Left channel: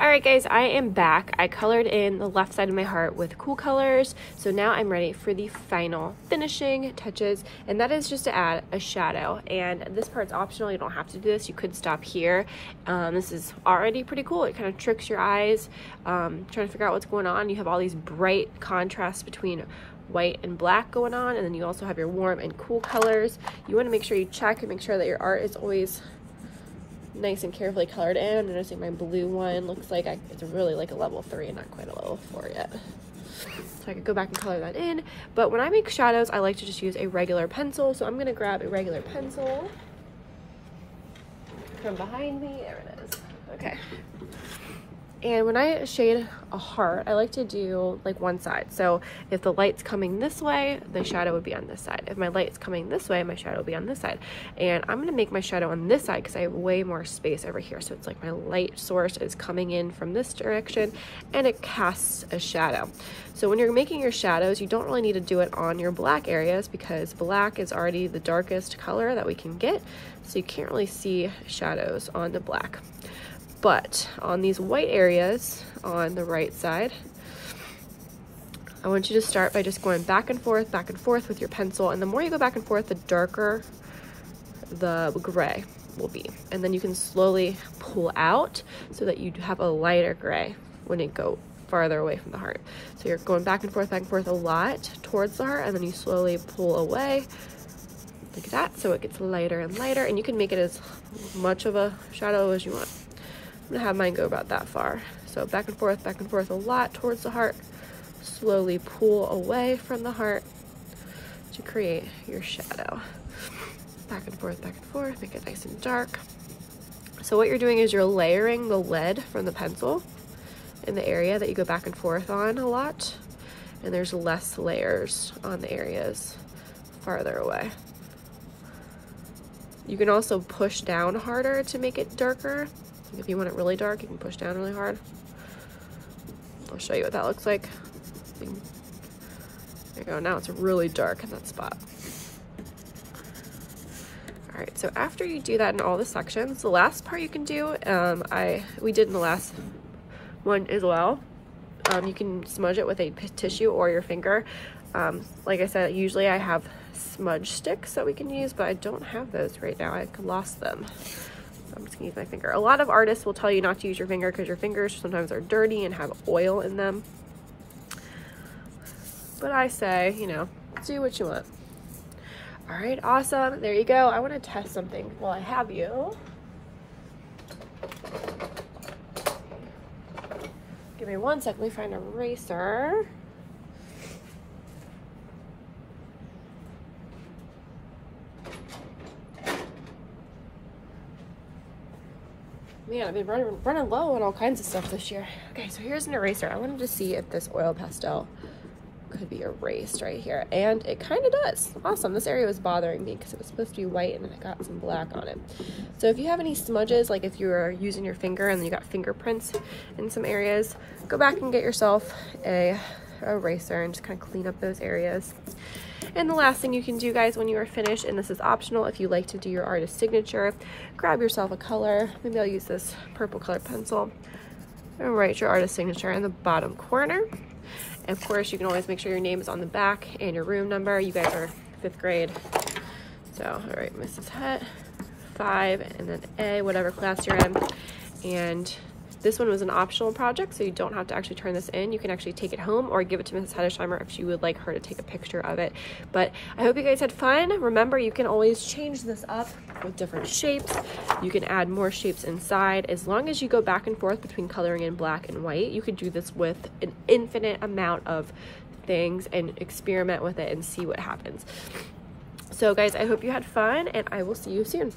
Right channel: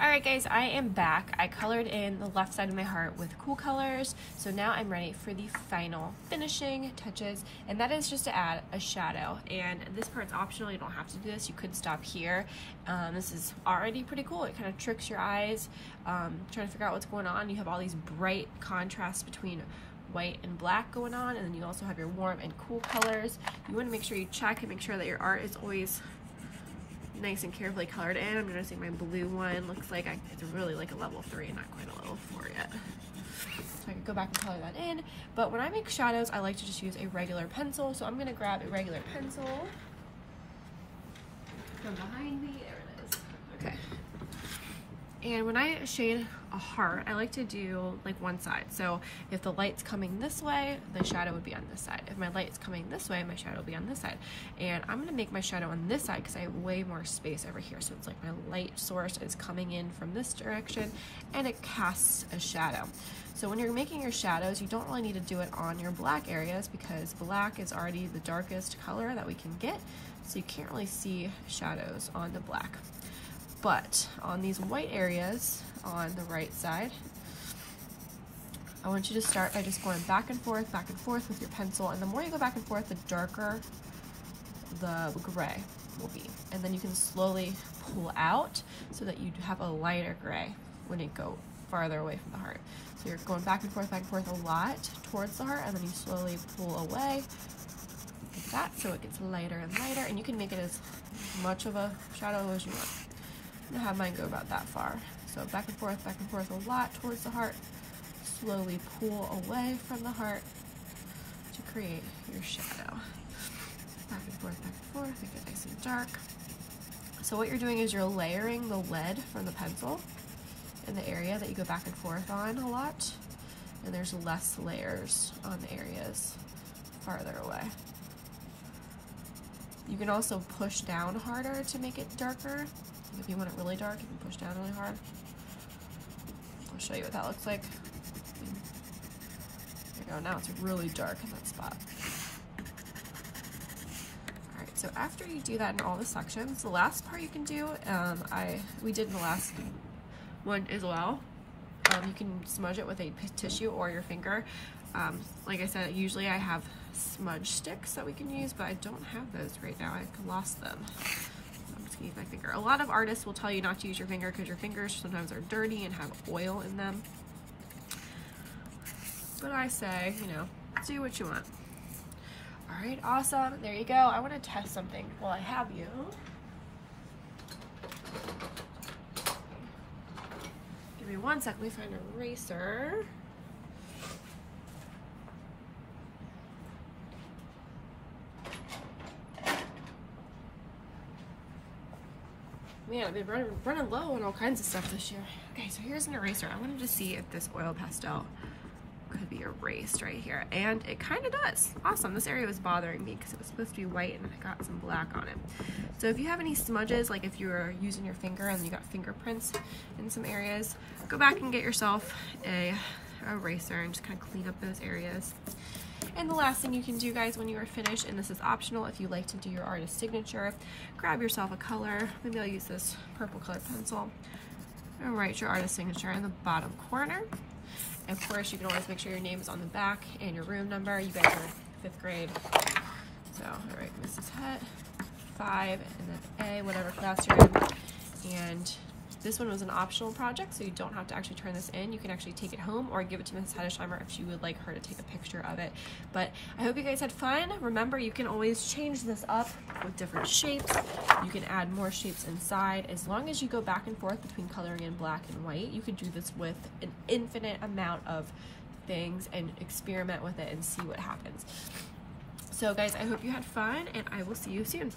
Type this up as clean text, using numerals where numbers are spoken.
Alright guys, I am back. I colored in the left side of my heart with cool colors, so now I'm ready for the final finishing touches, and that is just to add a shadow. And this part's optional, you don't have to do this, you could stop here. This is already pretty cool. It kind of tricks your eyes, trying to figure out what's going on. You have all these bright contrasts between white and black going on, and then you also have your warm and cool colors. You want to make sure you check and make sure that your art is always nice and carefully colored in. I'm noticing my blue one looks like it's really like a level 3 and not quite a level 4 yet. So I could go back and color that in. But when I make shadows, I like to just use a regular pencil. So I'm gonna grab a regular pencil from behind me. There it is. Okay. And when I shade a heart, I like to do like one side. So if the light's coming this way, the shadow would be on this side. If my light's coming this way, my shadow will be on this side. And I'm gonna make my shadow on this side because I have way more space over here. So it's like my light source is coming in from this direction and it casts a shadow. So when you're making your shadows, you don't really need to do it on your black areas because black is already the darkest color that we can get. So you can't really see shadows on the black. But on these white areas on the right side, I want you to start by just going back and forth with your pencil. And the more you go back and forth, the darker the gray will be. And then you can slowly pull out so that you have a lighter gray when you go farther away from the heart. So you're going back and forth a lot towards the heart, and then you slowly pull away like that so it gets lighter and lighter. And you can make it as much of a shadow as you want. I'm gonna have mine go about that far. So back and forth a lot towards the heart. Slowly pull away from the heart to create your shadow. Back and forth, make it nice and dark. So what you're doing is you're layering the lead from the pencil in the area that you go back and forth on a lot. And there's less layers on the areas farther away. You can also push down harder to make it darker. If you want it really dark, you can push down really hard. I'll show you what that looks like. There you go, now it's really dark in that spot. All right, so after you do that in all the sections, the last part you can do, we did in the last one as well. You can smudge it with a tissue or your finger. Like I said, usually I have smudge sticks that we can use, but I don't have those right now. I lost them. I'm just gonna use my finger. A lot of artists will tell you not to use your finger because your fingers sometimes are dirty and have oil in them. But I say, you know, do what you want. All right, awesome. There you go. I want to test something while I have you. Give me one sec. Let me find an eraser. Man, I've been running low on all kinds of stuff this year. Okay, so here's an eraser. I wanted to see if this oil pastel could be erased right here. And it kind of does. Awesome. This area was bothering me because it was supposed to be white and I got some black on it. So if you have any smudges, like if you were using your finger and you got fingerprints in some areas, go back and get yourself a eraser and just kind of clean up those areas. And the last thing you can do, guys, when you are finished, and this is optional if you like to do your artist signature, grab yourself a color. Maybe I'll use this purple colored pencil and write your artist signature in the bottom corner. And of course, you can always make sure your name is on the back and your room number. You guys are 5th grade. So, all right, Mrs. Het, 5, and then A, whatever class you're in. And this one was an optional project, so you don't have to actually turn this in. You can actually take it home or give it to Mrs. Hedesheimer if you would like her to take a picture of it. But I hope you guys had fun. Remember, you can always change this up with different shapes. You can add more shapes inside. As long as you go back and forth between coloring in black and white, you could do this with an infinite amount of things and experiment with it and see what happens. So guys, I hope you had fun, and I will see you soon.